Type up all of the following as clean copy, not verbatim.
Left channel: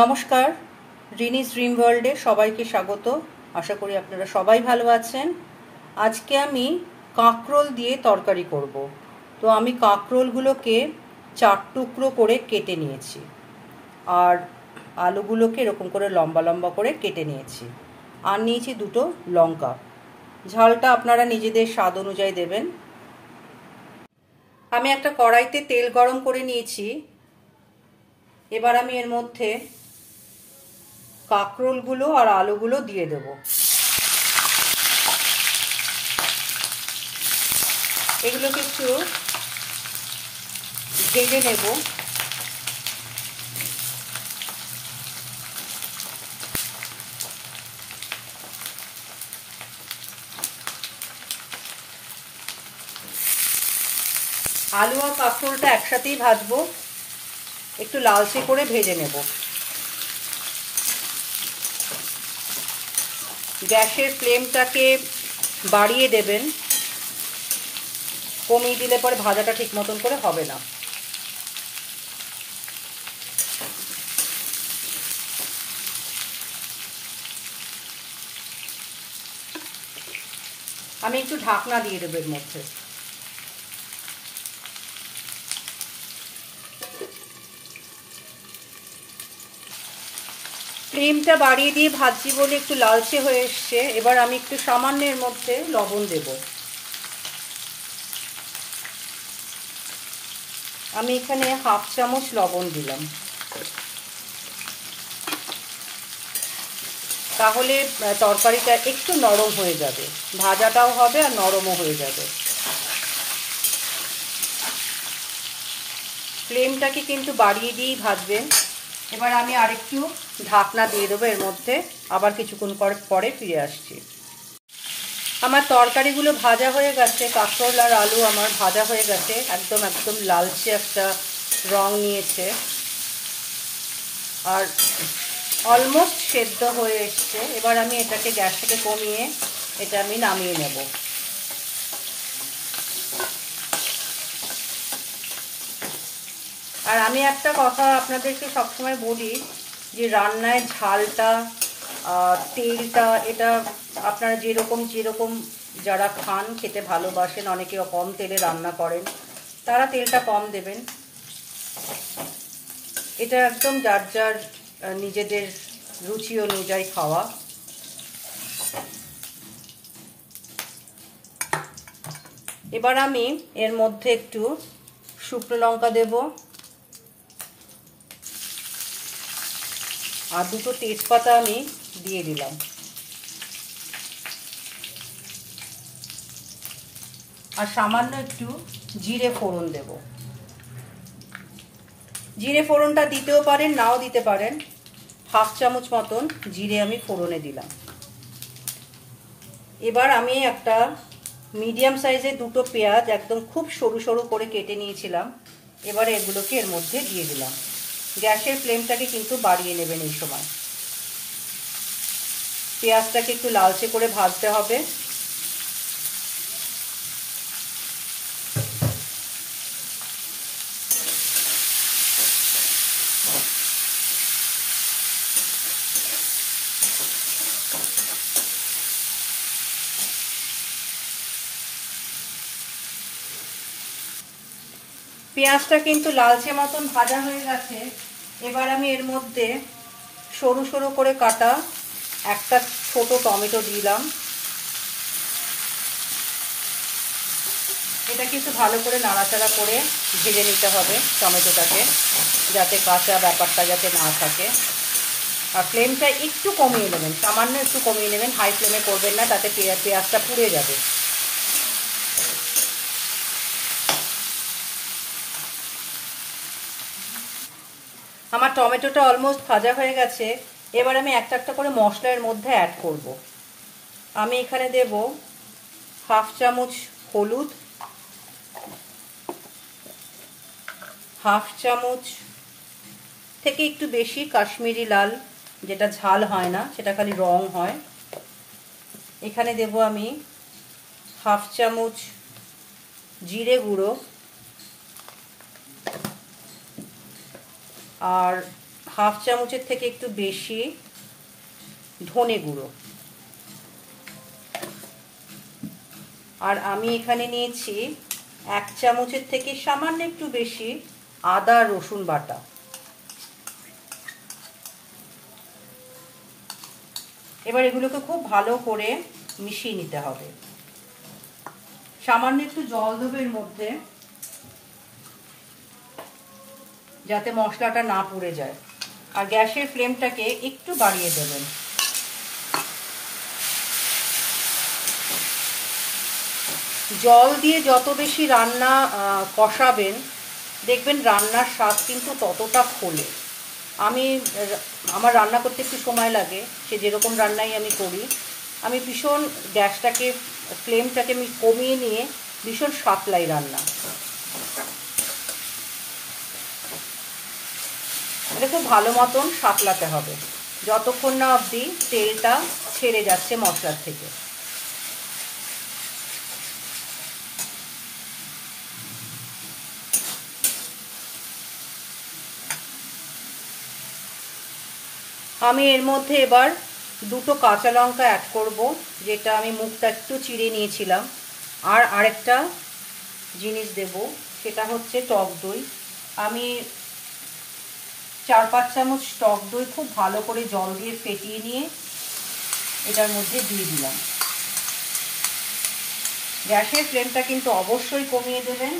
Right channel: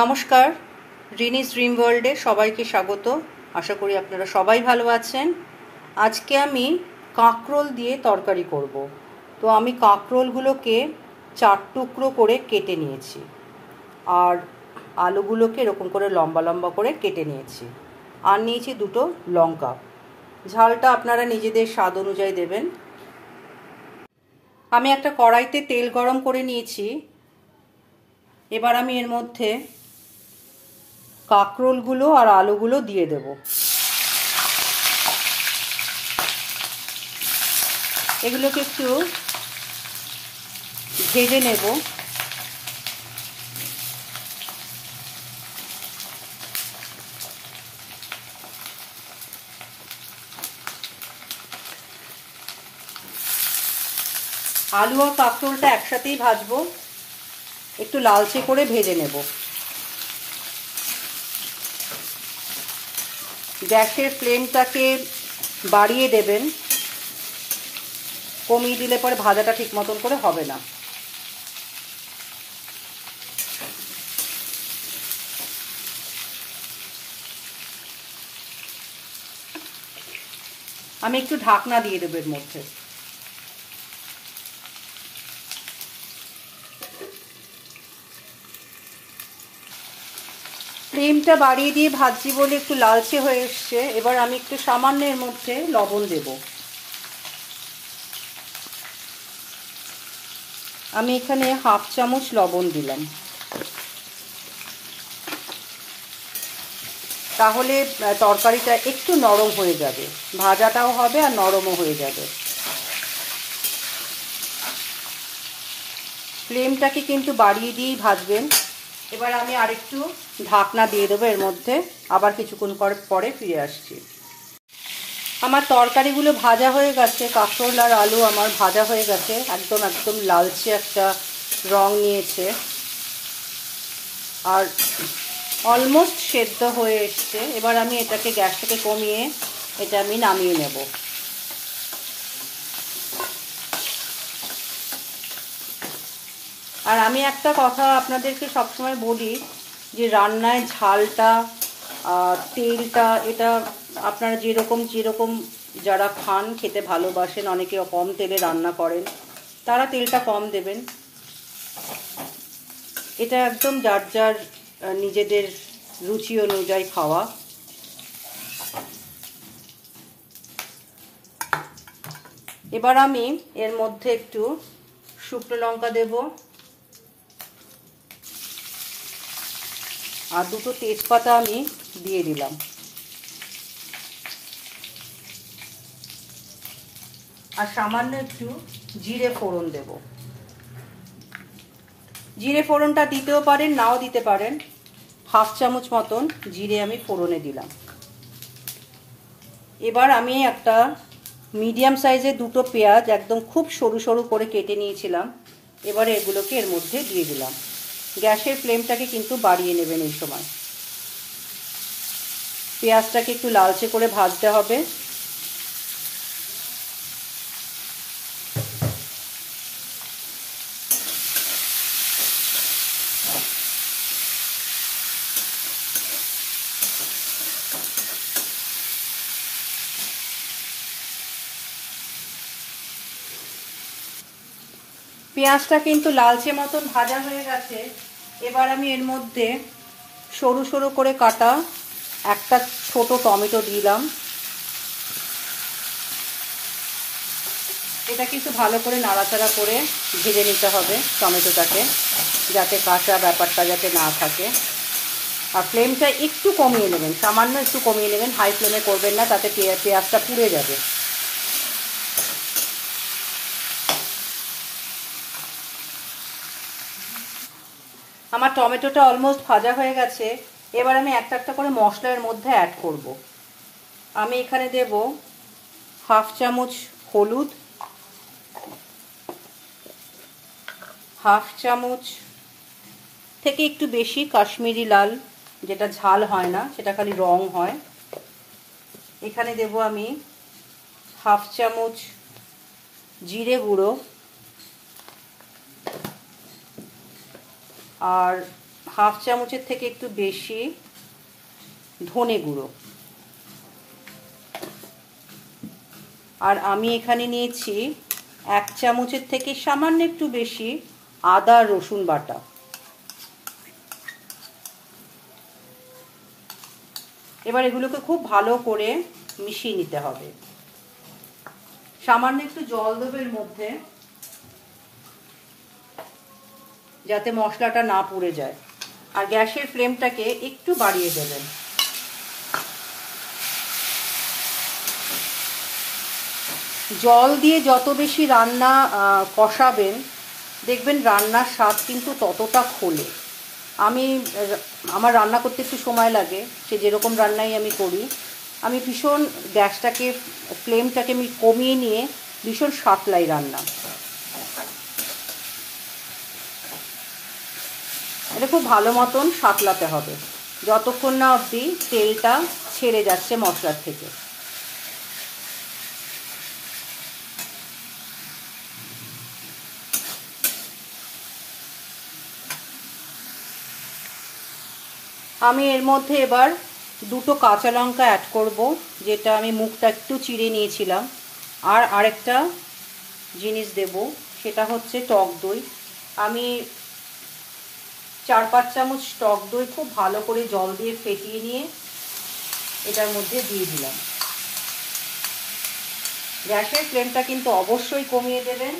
নমস্কার, রিনিস ড্রিম ওয়ার্ল্ডে সবাইকে স্বাগত। আশা করি আপনারা সবাই ভালো আছেন। আজকে আমি কাঁকরোল দিয়ে তরকারি করব। তো আমি কাঁকরোলগুলোকে 4 টুকরো করে কেটে নিয়েছি, আর আলুগুলোকে এরকম করে লম্বা লম্বা করে কেটে নিয়েছি, আর নিয়েছি 2টো লঙ্কা। ঝালটা আপনারা নিজেদের স্বাদ অনুযায়ী দেবেন। আমি একটা কড়াইতে তেল গরম করে নিয়েছি। এবার আমি এর মধ্যে কাঁকরোলগুলো আর আলুগুলো দিয়ে দেব। এগুলোকে একটু ভেজে নেব। আলু আর কাঁকরোলটা একসাথেই ভাজবো, একটু লালচে করে ভেজে নেব। গ্যাসের ফ্লেমটাকে বাড়িয়ে দেবেন, কমিয়ে দিলে পরে ভাজাটা ঠিক মতন করে হবে না। আমি একটু ঢাকনা দিয়ে দেবো এর মধ্যে। ফ্লেমটা বাড়িয়ে দিয়ে ভাজছি বলে একটু লালচে হয়ে এসছে। এবার আমি একটু সামান্য এর মধ্যে লবণ দেব। আমি এখানে 1/2 চামচ লবণ দিলাম, তাহলে তরকারিটা একটু নরম হয়ে যাবে, ভাজাটাও হবে আর নরমও হয়ে যাবে। ফ্লেমটাকে কিন্তু বাড়িয়ে দিয়েই ভাজবেন। এবার আমি আরেকটু ঢাকনা দিয়ে দেবো এর মধ্যে, আবার কিছুক্ষণ পরে ফিরে আসছি। আমার তরকারিগুলো ভাজা হয়ে গেছে, কাঁকরোল আর আলু আমার ভাজা হয়ে গেছে, একদম লালচে একটা রং নিয়েছে, আর অলমোস্ট সেদ্ধ হয়ে এসছে। এবার আমি এটাকে গ্যাস থেকে কমিয়ে এটা আমি নামিয়ে নেব। আর আমি একটা কথা আপনাদেরকে সবসময় বলি, যে রান্নায় ঝালটা, তেলটা, এটা আপনারা যেরকম যারা খান, খেতে ভালোবাসেন, অনেকে কম তেলে রান্না করেন, তারা তেলটা কম দেবেন। এটা একদম যার যার নিজেদের রুচি অনুযায়ী খাওয়া। এবার আমি এর মধ্যে একটু শুকনো লঙ্কা দেব, আর 2টো তেজপাতা আমি দিয়ে দিলাম, আর সামান্য একটু জিরে ফোড়ন দেব। জিরে ফোড়নটা দিতেও পারেন, নাও দিতে পারেন। 1/2 চামচ মতন জিরে আমি ফোড়নে দিলাম। এবার আমি একটা মিডিয়াম সাইজের 2টো পেঁয়াজ একদম খুব সরু সরু করে কেটে নিয়েছিলাম, এবারে এগুলোকে এর মধ্যে দিয়ে দিলাম। গ্যাসের ফ্লেমটাকে কিন্তু বাড়িয়ে নেবেন এই সময়। পেঁয়াজটাকে একটু লালচে করে ভাজতে হবে। পেঁয়াজটা কিন্তু লালচে মতন ভাজা হয়ে গেছে। এবার আমি এর মধ্যে সরু সরু করে কাটা একটা ছোট টমেটো দিলাম। এটা কিন্তু ভালো করে নাড়াচাড়া করে ভেজে নিতে হবে টমেটোটাকে, যাতে কাঁচা ব্যাপারটা যাতে না থাকে। আর ফ্লেমটা একটু কমিয়ে নেবেন, সামান্য একটু কমিয়ে নেবেন, হাই ফ্লেমে করবেন না, তাতে পেঁয়াজটা পুড়ে যাবে। আমার টমেটোটা অলমোস্ট ভাজা হয়ে গেছে। এবার আমি একটা একটা করে মশলার মধ্যে অ্যাড করব। আমি এখানে দেব 1/2 চামচ হলুদ, 1/2 চামচ থেকে একটু বেশি কাশ্মীরি লাল, যেটা ঝাল হয় না, সেটা খালি রং হয়। এখানে দেব আমি 1/2 চামচ জিরে গুঁড়ো, আর হাফ চামচের থেকে একটু বেশি ধনে গুঁড়ো, আর আমি এখানে নিয়েছি 1 চামচের থেকে সামান্য একটু বেশি আদা রসুন বাটা। এবার এগুলোকে খুব ভালো করে মিশিয়ে নিতে হবে। সামান্য একটু জল দেবো এর মধ্যে, যাতে মশলাটা না পুড়ে যায়। আর গ্যাসের ফ্লেমটাকে একটু বাড়িয়ে দেবেন। জল দিয়ে যত বেশি রান্না কষাবেন, দেখবেন রান্নার স্বাদ কিন্তু ততটা খোলে। আমার রান্না করতে একটু সময় লাগে, সে যেরকম রান্নাই আমি করি। আমি ভীষণ গ্যাসটাকে ফ্লেমটাকে আমি কমিয়ে নিয়ে ভীষণ সাতলাই রান্না। এটা খুব ভালো মতন সাতলাতে হবে যতক্ষণ না অবধি তেলটা ছেড়ে যাচ্ছে মশলার থেকে। আমি এর মধ্যে এবার 2টো কাঁচা লঙ্কা অ্যাড করব, যেটা আমি মুখটা একটু চিড়ে নিয়েছিলাম। আর আরেকটা জিনিস দেব, সেটা হচ্ছে টক দই। আমি 4-5 চামচ টক দই খুব ভালো করে জল দিয়ে ফেটিয়ে নিয়ে এটার মধ্যে দিয়ে দিলাম। গ্যাসের ফ্লেমটা কিন্তু অবশ্যই কমিয়ে দেবেন।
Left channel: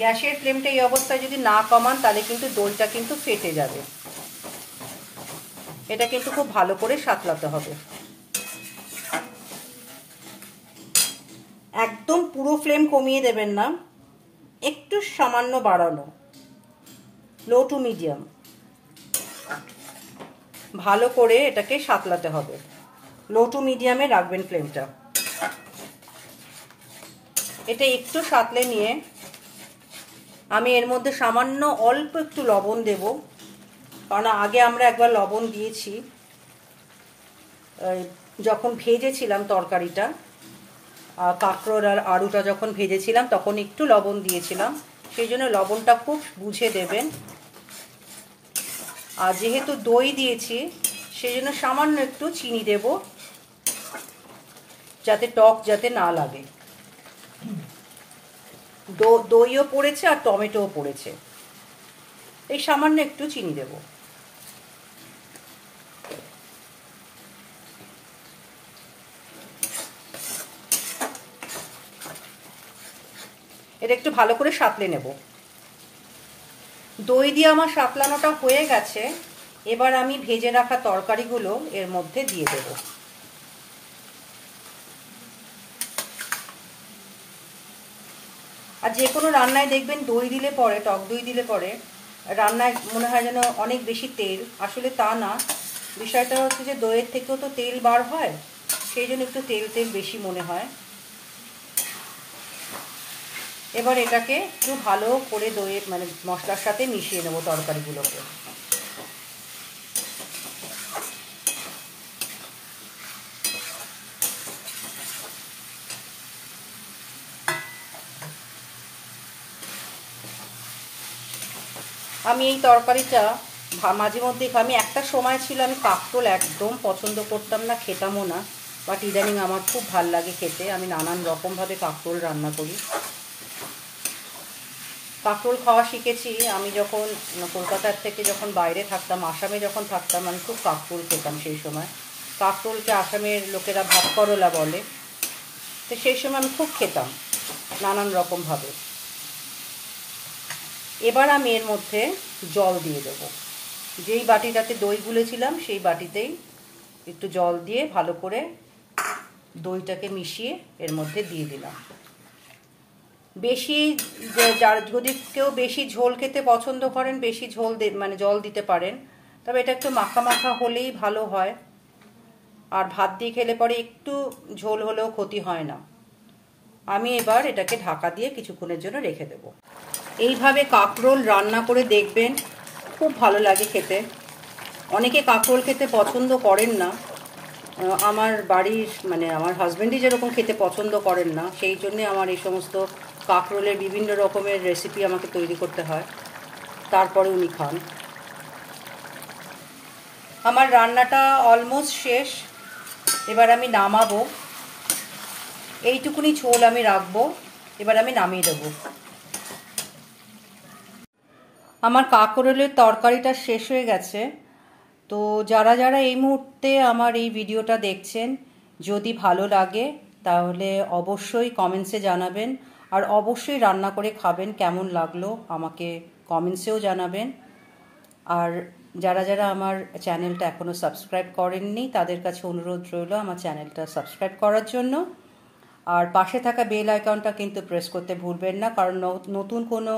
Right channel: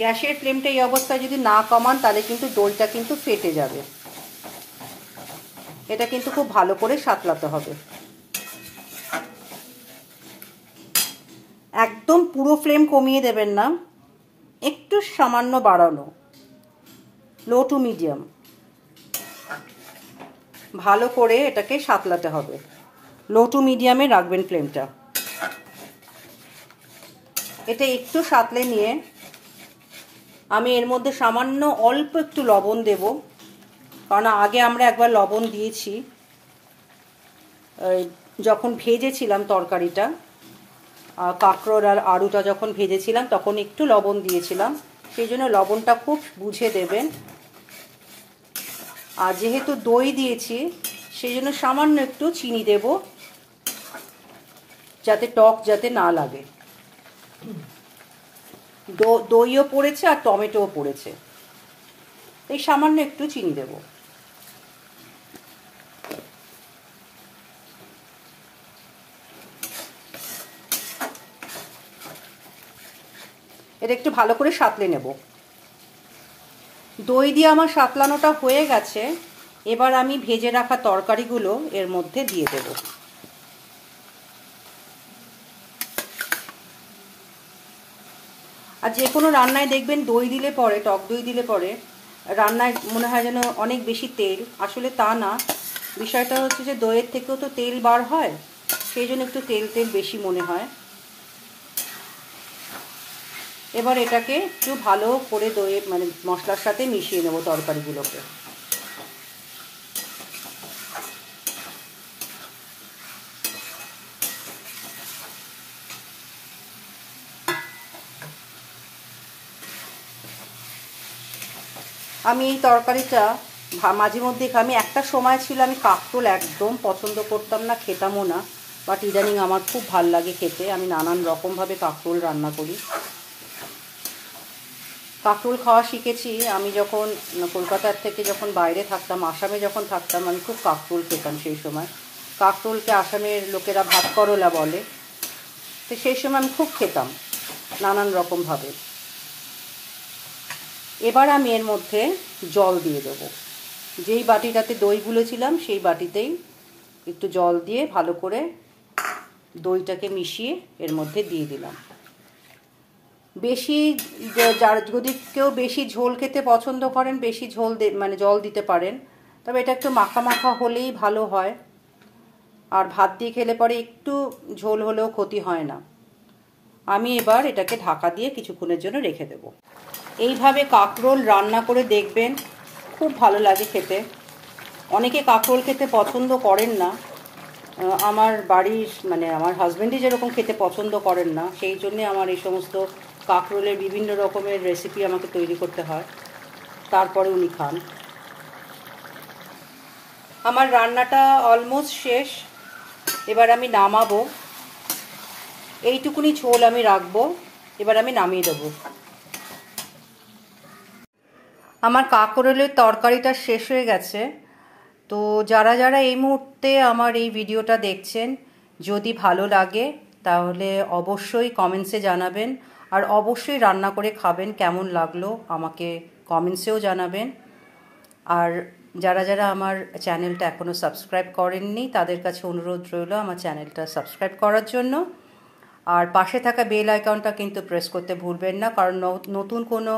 গ্যাসের ফ্লেমটা এই অবস্থায় যদি না কমান, তাহলে কিন্তু দইটা কিন্তু ফেটে যাবে। এটা কিন্তু খুব ভালো করে সাতলাতে হবে। একদম পুরো ফ্লেম কমিয়ে দেবেন না, একটু সামান্য বাড়ানো, লো টু মিডিয়াম। ভালো করে এটাকে সাতলাতে হবে। লো টু মিডিয়ামে রাখবেন ফ্লেমটা। এটা একটু সাতলে নিয়ে আমি এর মধ্যে সামান্য অল্প একটু লবণ দেব, কারণ আগে আমরা একবার লবণ দিয়েছি যখন ভেজেছিলাম তরকারিটা, কাঁকরোল আর আলুটা যখন ভেজেছিলাম তখন একটু লবণ দিয়েছিলাম, সেই জন্য লবণটা খুব বুঝে দেবেন। আর যেহেতু দই দিয়েছি সেই জন্য সামান্য একটু চিনি দেব, যাতে টক যাতে না লাগে। দইও পড়েছে আর টমেটোও পড়েছে, এই সামান্য একটু চিনি দেব। এটা একটু ভালো করে সাঁতলে নেব। দই দিয়ে আমার সাঁতলানোটা হয়ে গেছে। এবার আমি ভেজে রাখা তরকারিগুলো এর মধ্যে দিয়ে দেব। আর যে কোনো রান্নায় দেখবেন দই দিলে পরে, টক দই দিলে পরে রান্নায় মনে হয় যেন অনেক বেশি তেল, আসলে তা না। বিষয়টা হচ্ছে যে দইয়ের থেকেও তো তেল বার হয়, সেই জন্য একটু তেল তেল বেশি মনে হয়। এবার এটাকে একটু ভালো করে দইয়ের মানে মশলার সাথে মিশিয়ে নেব তরকারিগুলোকে। আমি এই তরকারিটা মাঝে মধ্যে আমি একটা সময় ছিল আমি কাঁকরোল একদম পছন্দ করতাম না, খেতামও না, বাট ইদানিং আমার খুব ভাল লাগে খেতে। আমি নানান রকমভাবে কাঁকরোল রান্না করি। কাঁকরোল খাওয়া শিখেছি আমি যখন কলকাতার থেকে যখন বাইরে থাকতাম, আসামে যখন থাকতাম, আমি খুব কাঁকরোল খেতাম সেই সময়। কাঁকরোলকে আসামের লোকেরা ভাত করলা বলে, তো সেই সময় আমি খুব খেতাম নানান রকমভাবে। এবার আমি এর মধ্যে জল দিয়ে দেব। যেই বাটিটাতে দই গুলেছিলাম সেই বাটিতেই একটু জল দিয়ে ভালো করে দইটাকে মিশিয়ে এর মধ্যে দিয়ে দিলাম। বেশি যদি কেউ বেশি ঝোল খেতে পছন্দ করেন, বেশি ঝোল মানে জল দিতে পারেন, তবে এটা একটু মাখা মাখা হলেই ভালো হয়। আর ভাত দিয়ে খেলে পরে একটু ঝোল হলেও ক্ষতি হয় না। আমি এবার এটাকে ঢাকা দিয়ে কিছুক্ষণের জন্য রেখে দেব। এইভাবে কাঁকরোল রান্না করে দেখবেন, খুব ভালো লাগে খেতে। অনেকে কাঁকরোল খেতে পছন্দ করেন না, আমার বাড়ির মানে আমার হাজব্যান্ডই যেরকম খেতে পছন্দ করেন না, সেই জন্যে আমার এই সমস্ত কাঁকরোলের বিভিন্ন রকমের রেসিপি আমাকে তৈরি করতে হয়, তারপরে উনি খান। আমার রান্নাটা অলমোস্ট শেষ, এবার আমি নামাবো। এইটুকুনি ঝোল আমি রাখবো, এবার আমি নামিয়ে দেবো। আমার কাঁকরোলের তরকারিটা শেষ হয়ে গেছে। তো যারা যারা এই মুহূর্তে আমার এই ভিডিওটা দেখছেন, যদি ভালো লাগে তাহলে অবশ্যই কমেন্টসে জানাবেন, আর অবশ্যই রান্না করে খাবেন, কেমন লাগলো আমাকে কমেন্টসেও জানাবেন। আর যারা যারা আমার চ্যানেলটা এখনও সাবস্ক্রাইব করেননি তাদের কাছে অনুরোধ রইল আমার চ্যানেলটা সাবস্ক্রাইব করার জন্য। আর পাশে থাকা বেল আইকনটা কিন্তু প্রেস করতে ভুলবেন না, কারণ নতুন কোনো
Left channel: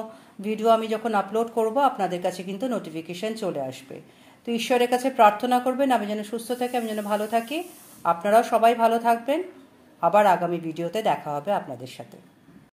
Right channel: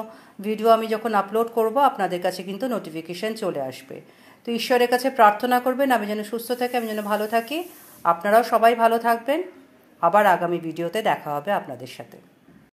ভিডিও আমি যখন আপলোড করব আপনাদের কাছে কিন্তু নোটিফিকেশন চলে আসবে। তো ঈশ্বরের কাছে প্রার্থনা করবেন আমি যেন সুস্থ থাকি, আমি যেন ভালো থাকি। আপনারাও সবাই ভালো থাকবেন। আবার আগামী ভিডিওতে দেখা হবে আপনাদের সাথে।